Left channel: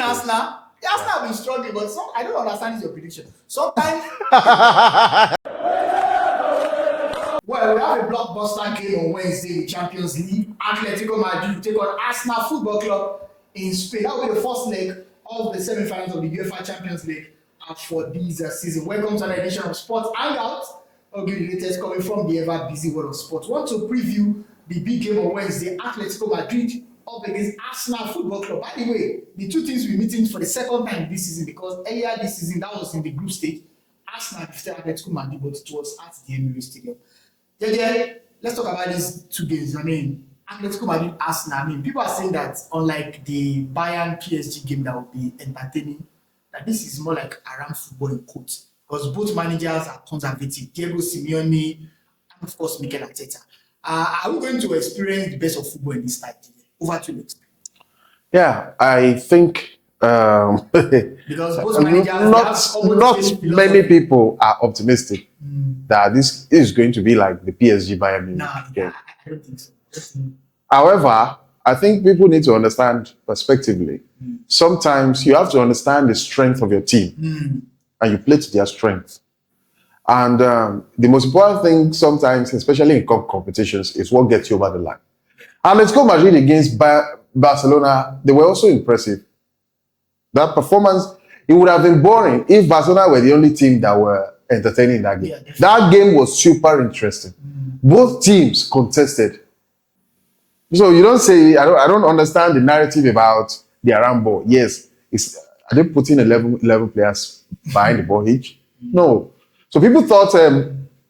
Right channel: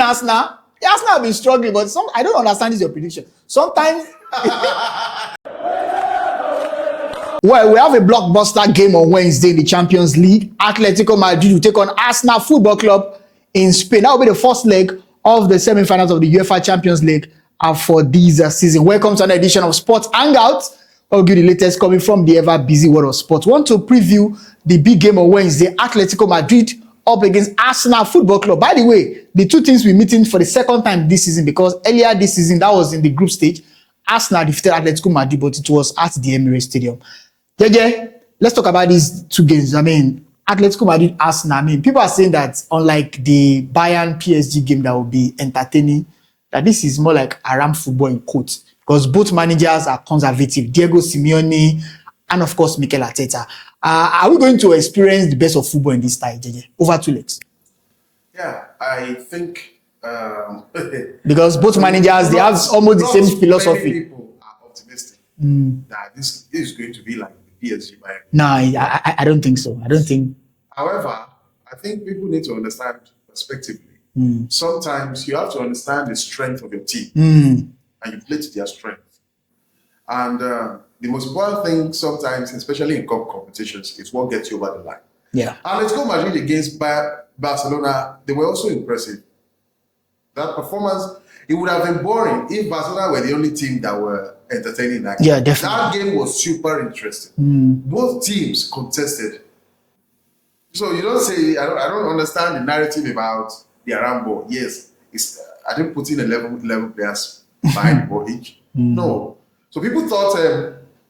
Arsenal have been struggling, but I don't understand this your prediction. Sometimes well, we have a blockbuster game on Wednesday in the Champions League. Atletico Madrid will take on Arsenal Football Club in Spain. That will be the first leg of the semi-finals of the UEFA Champions League for this season. Welcome to another edition of Sports Hangout. I'll give you the latest coming from the ever-busy world of sports. Want to preview the big game on Wednesday, Atletico Madrid up against Arsenal Football Club. By the way, the two teams we're meeting for the second time this season, because earlier this season, that was in the group stage, Arsenal defeated Atletico Madrid, but it was at the Emirates Stadium. JJ, let's talk about these two games. I mean, Atletico Madrid, Arsenal. I mean, people are saying that unlike the Bayern PSG game that will be entertaining, that this is more like Aram football in quotes, because both managers are conservative. Diego Simeone and, of course, Mikel Arteta. Are we going to experience the best of football in this style, JJ? Over 2 legs. Yeah, I think... because both managers, they have almost the same philosophy. Many people are optimistic that this is going to be like the PSG Bayern Munich. No, I don't think so. I don't think. However, I think people need to understand perspectively. Sometimes you have to understand the strength of your team and you play to their strength. And the most important thing sometimes, especially in cup competitions, is what gets you over the line. Yeah. Atletico Madrid against Barcelona, they were also impressive. That performance, it would have been boring if Barcelona were the only team that were entertaining that game. Yeah, definitely. That game was super interesting. Both teams contested. So you don't say, I don't understand the narrative about the Aram ball. Yes, are they putting 11 players behind the ball each? No. So people thought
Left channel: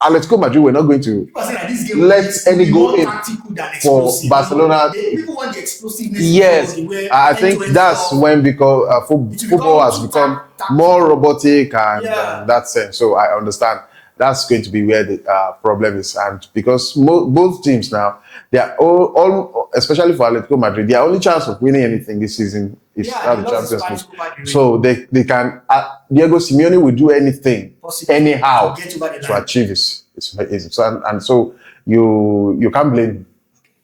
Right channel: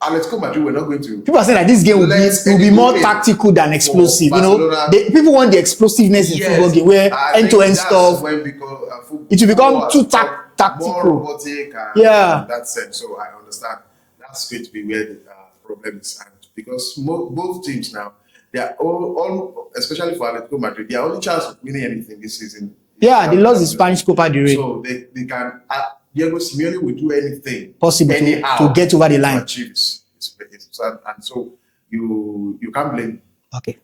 Atletico Madrid were not going to. People are saying that this game will be more tactical than explosive. People want the explosiveness in football game where end-to-end stuff. That's when because it will become too tactical, more robotic, and that sense. So I understand that's going to be where the problem is, and because both teams now, they are all, especially for Atletico Madrid, their only chance of winning anything this season. They lost the Spanish Copa del Rey. So they can. Diego Simeone will do anything possible anyhow to get over the line to achieve it. It's easy. So you can't blame him. Okay.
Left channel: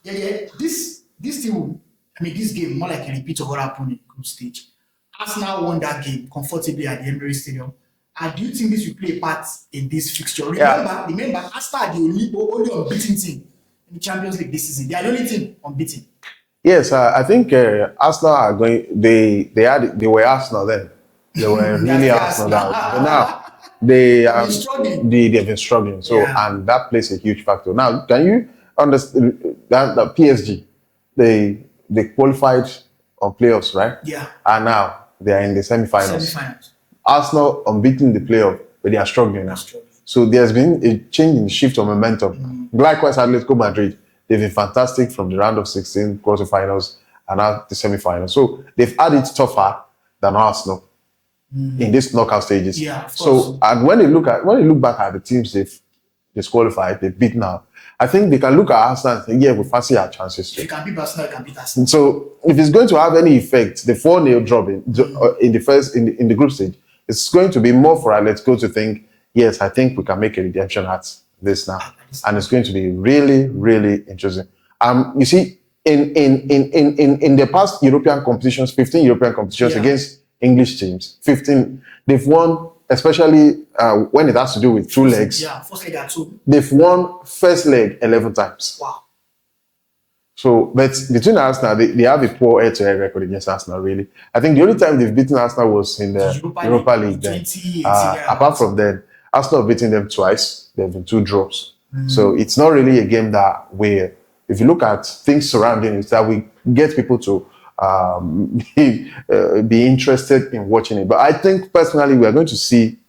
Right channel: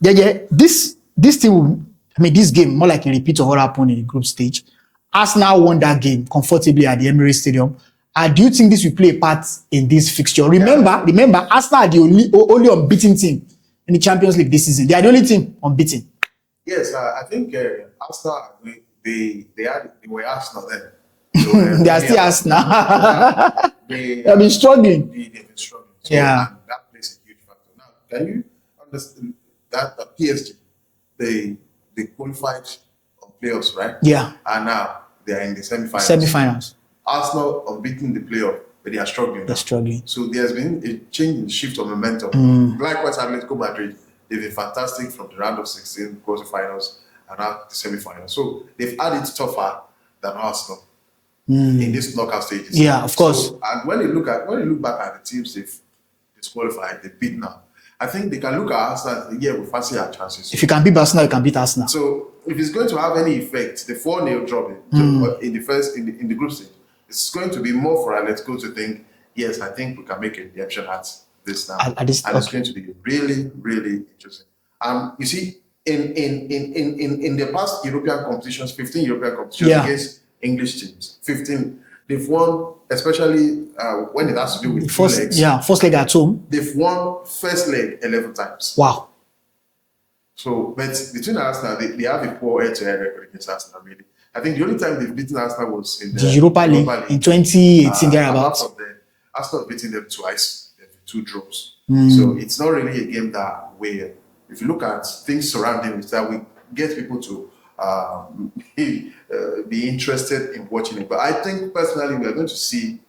This team, this game more like a repeat of what happened in the group stage. Arsenal won that game comfortably at the Emirates Stadium. Do you think this will play a part in this fixture? Remember, Arsenal are the only unbeaten team in the Champions League this season. They are the only team unbeaten. Yes, I think Arsenal are going. They were Arsenal then. They were they are still Arsenal. Now, they have been struggling. They've been struggling. So and that plays a huge factor. Now, can you understand that PSG they qualified on playoffs, right? Yeah. And now they are in the semi-finals. Arsenal unbeaten the playoff, but they are struggling. They're struggling. So there's been a change in the shift of momentum. Likewise, Atletico Madrid, they've been fantastic from the round of 16 quarterfinals and now the semi-finals. So they've had it tougher than Arsenal in these knockout stages. Yeah, of course. So, and when you look back at the teams they've disqualified, they've beaten out, I think they can look at Arsenal and say, yeah, we fancy our chances. If you can beat Arsenal, you can beat Arsenal. So if it's going to have any effect, the 4-0 drop in the group stage, it's going to be more for Atletico to think, yes, I think we can make a redemption at this now. And it's going to be really, really interesting. You see, in the past European competitions, 15 European competitions against English teams, 15, they've won, especially when it has to do with two legs. Yeah, first leg at home. They've won first leg 11 times. Wow. So, but between Arsenal, they have a poor head-to-head record against Arsenal, really. I think the only time they've beaten Arsenal was in the Europa League in 2018. Apart from then, Arsenal have beaten them twice. There have been 2 drops. So it's not really a game that where, if you look at things surrounding it, that we get people to be interested in watching it. But I think personally, we are going to see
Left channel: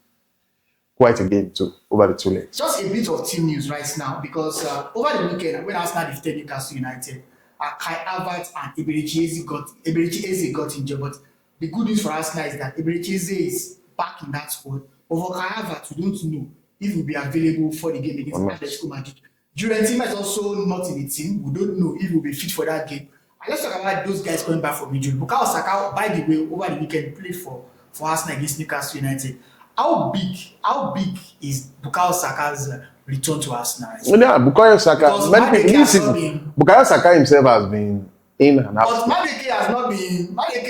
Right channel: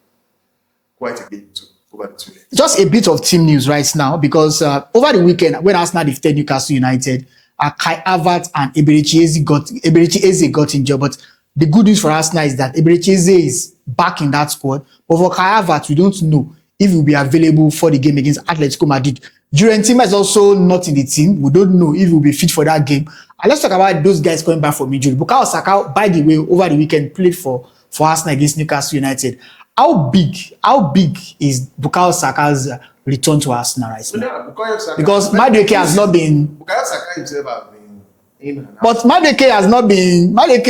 quite a game over the 2 legs. Just a bit of team news right now, because over the weekend, when Arsenal defeated Newcastle United, Kai Havertz and Eberechi Eze got injured. But the good news for Arsenal is that Eberechi Eze is back in that squad. But for Kai Havertz, we don't know if he will be available for the game against Atletico Madrid. Tima is also not in the team. We don't know if he will be fit for that game. And let's talk about those guys coming back from injury. Bukayo Saka, by the way, over the weekend played for Arsenal against Newcastle United. How big is Bukayo Saka's return to Arsenal right now? Yeah, Bukayo Saka. Because Madueke has not been. Bukayo Saka himself has been in and out. But Madueke has not been Bukayo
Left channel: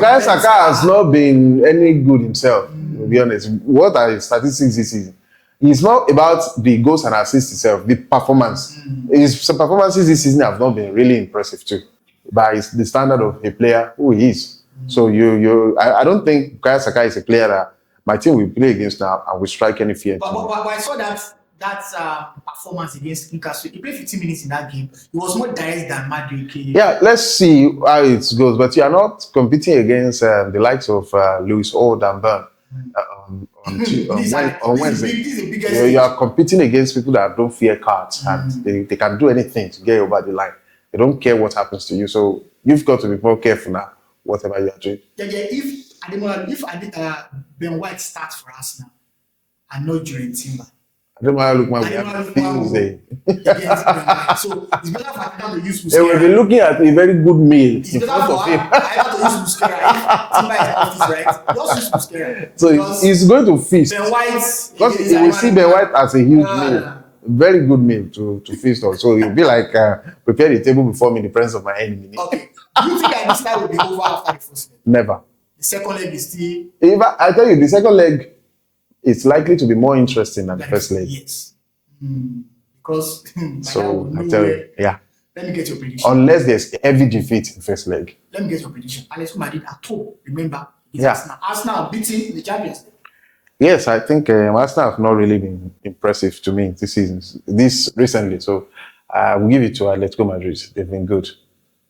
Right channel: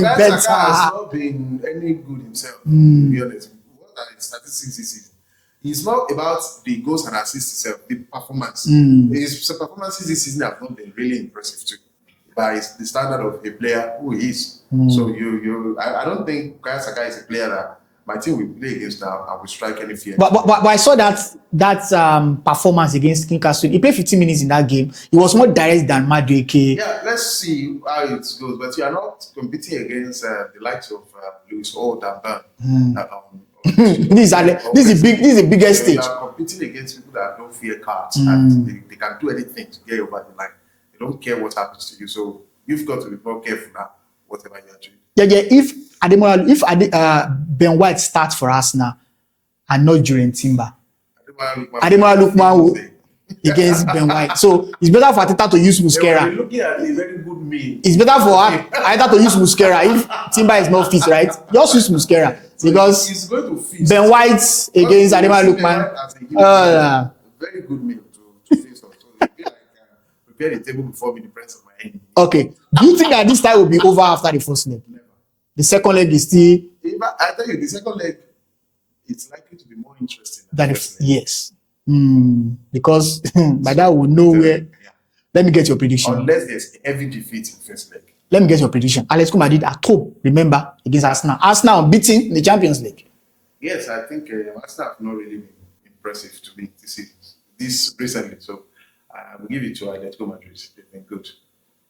better. Saka has not been any good himself, to be honest. What are his statistics this season? It's not about the goals and assists itself, the performance. His performances this season have not been really impressive too, by the standard of a player who he is. So I don't think Bukayo Saka is a player that my team will play against now and will strike any fear. But I saw that performance against Newcastle. He played 15 minutes in that game. He was more direct than Madueke. Yeah, let's see how it goes. But you are not competing against the likes of Lewis or Dan Burn. This is the biggest stage. You are competing against people that don't fear cards and they can do anything to get you over the line. They don't care what happens to you. So you've got to be more careful now, whatever you are doing. Yeah. If Ben White starts for us now and not during Timber, Ademola Lookman against Ben White. So it's better for Ateta to use Musquera. They're looking at a very good meal. It's better for Ateta to use Musquera if Timber is not fit, right? Just use Musquera. So because he's going to feast. Ben White against Ademola Lookman. Ben White as a huge meal. Very good meal to feast on. So it'll be like prepare the table before me in the presence of my enemy. Okay. Do you think that this time will be over after the first leg? Never. The second leg is still... I tell you, the second leg, it's likely to be more interesting than the first leg. Yes. Because by that we'll know where... Yeah. Let me get your prediction. Unless there's heavy defeat in the first leg. Let me get your prediction. Atletico Madrid at home, remember, against Arsenal. Arsenal beating in the Champions League. Yes, I think Arsenal have not really been impressive to me this recently. So we'll give it to Atletico Madrid. They've been good.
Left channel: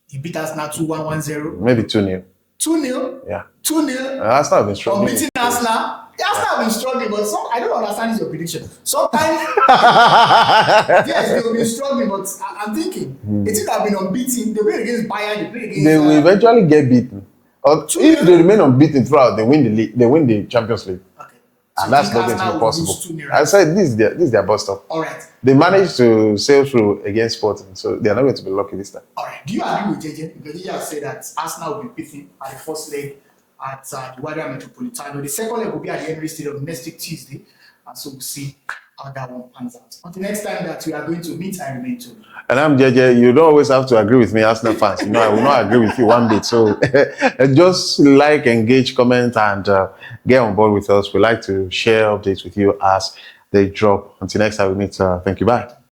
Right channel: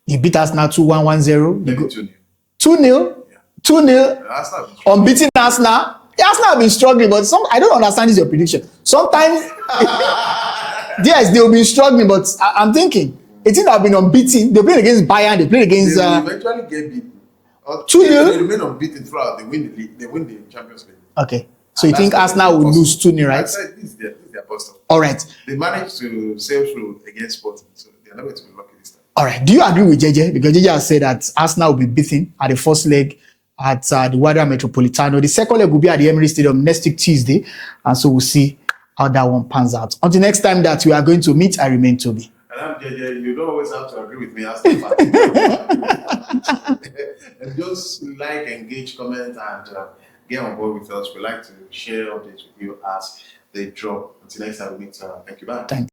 You beat Arsenal 2-1, 1-0? Maybe 2-0. 2-0? Yeah. 2-0? Arsenal have been struggling. Unbeaten Arsenal? Arsenal have been struggling, but I don't understand this your prediction. Sometimes, yes, they'll be struggling, but I'm thinking, a team that have been unbeaten, they played against Bayern, they played against... They will eventually get beaten. Or 2-0? If they remain unbeaten throughout, they win the league. They win the Champions League. Okay. So you think Arsenal will lose 2-0, right? I said this is their bust up. All right. They managed to sail through against Sporting, so they are not going to be lucky this time. All right. Do you agree with JJ? Because JJ has said that Arsenal will be beaten at the first leg at the Riyadh Metropolitano. The second leg will be at the Emirates Stadium next week Tuesday, and so we'll see how that one pans out. Until next time that we are going to meet, I remain Toby. And I'm JJ. You don't always have to agree with me, Arsenal fans. No, I will not agree with you one bit. So just like, engage, comment, and get on board with us. We like to share updates with you as they drop. Until next time we meet. Thank you. Bye. Thank you.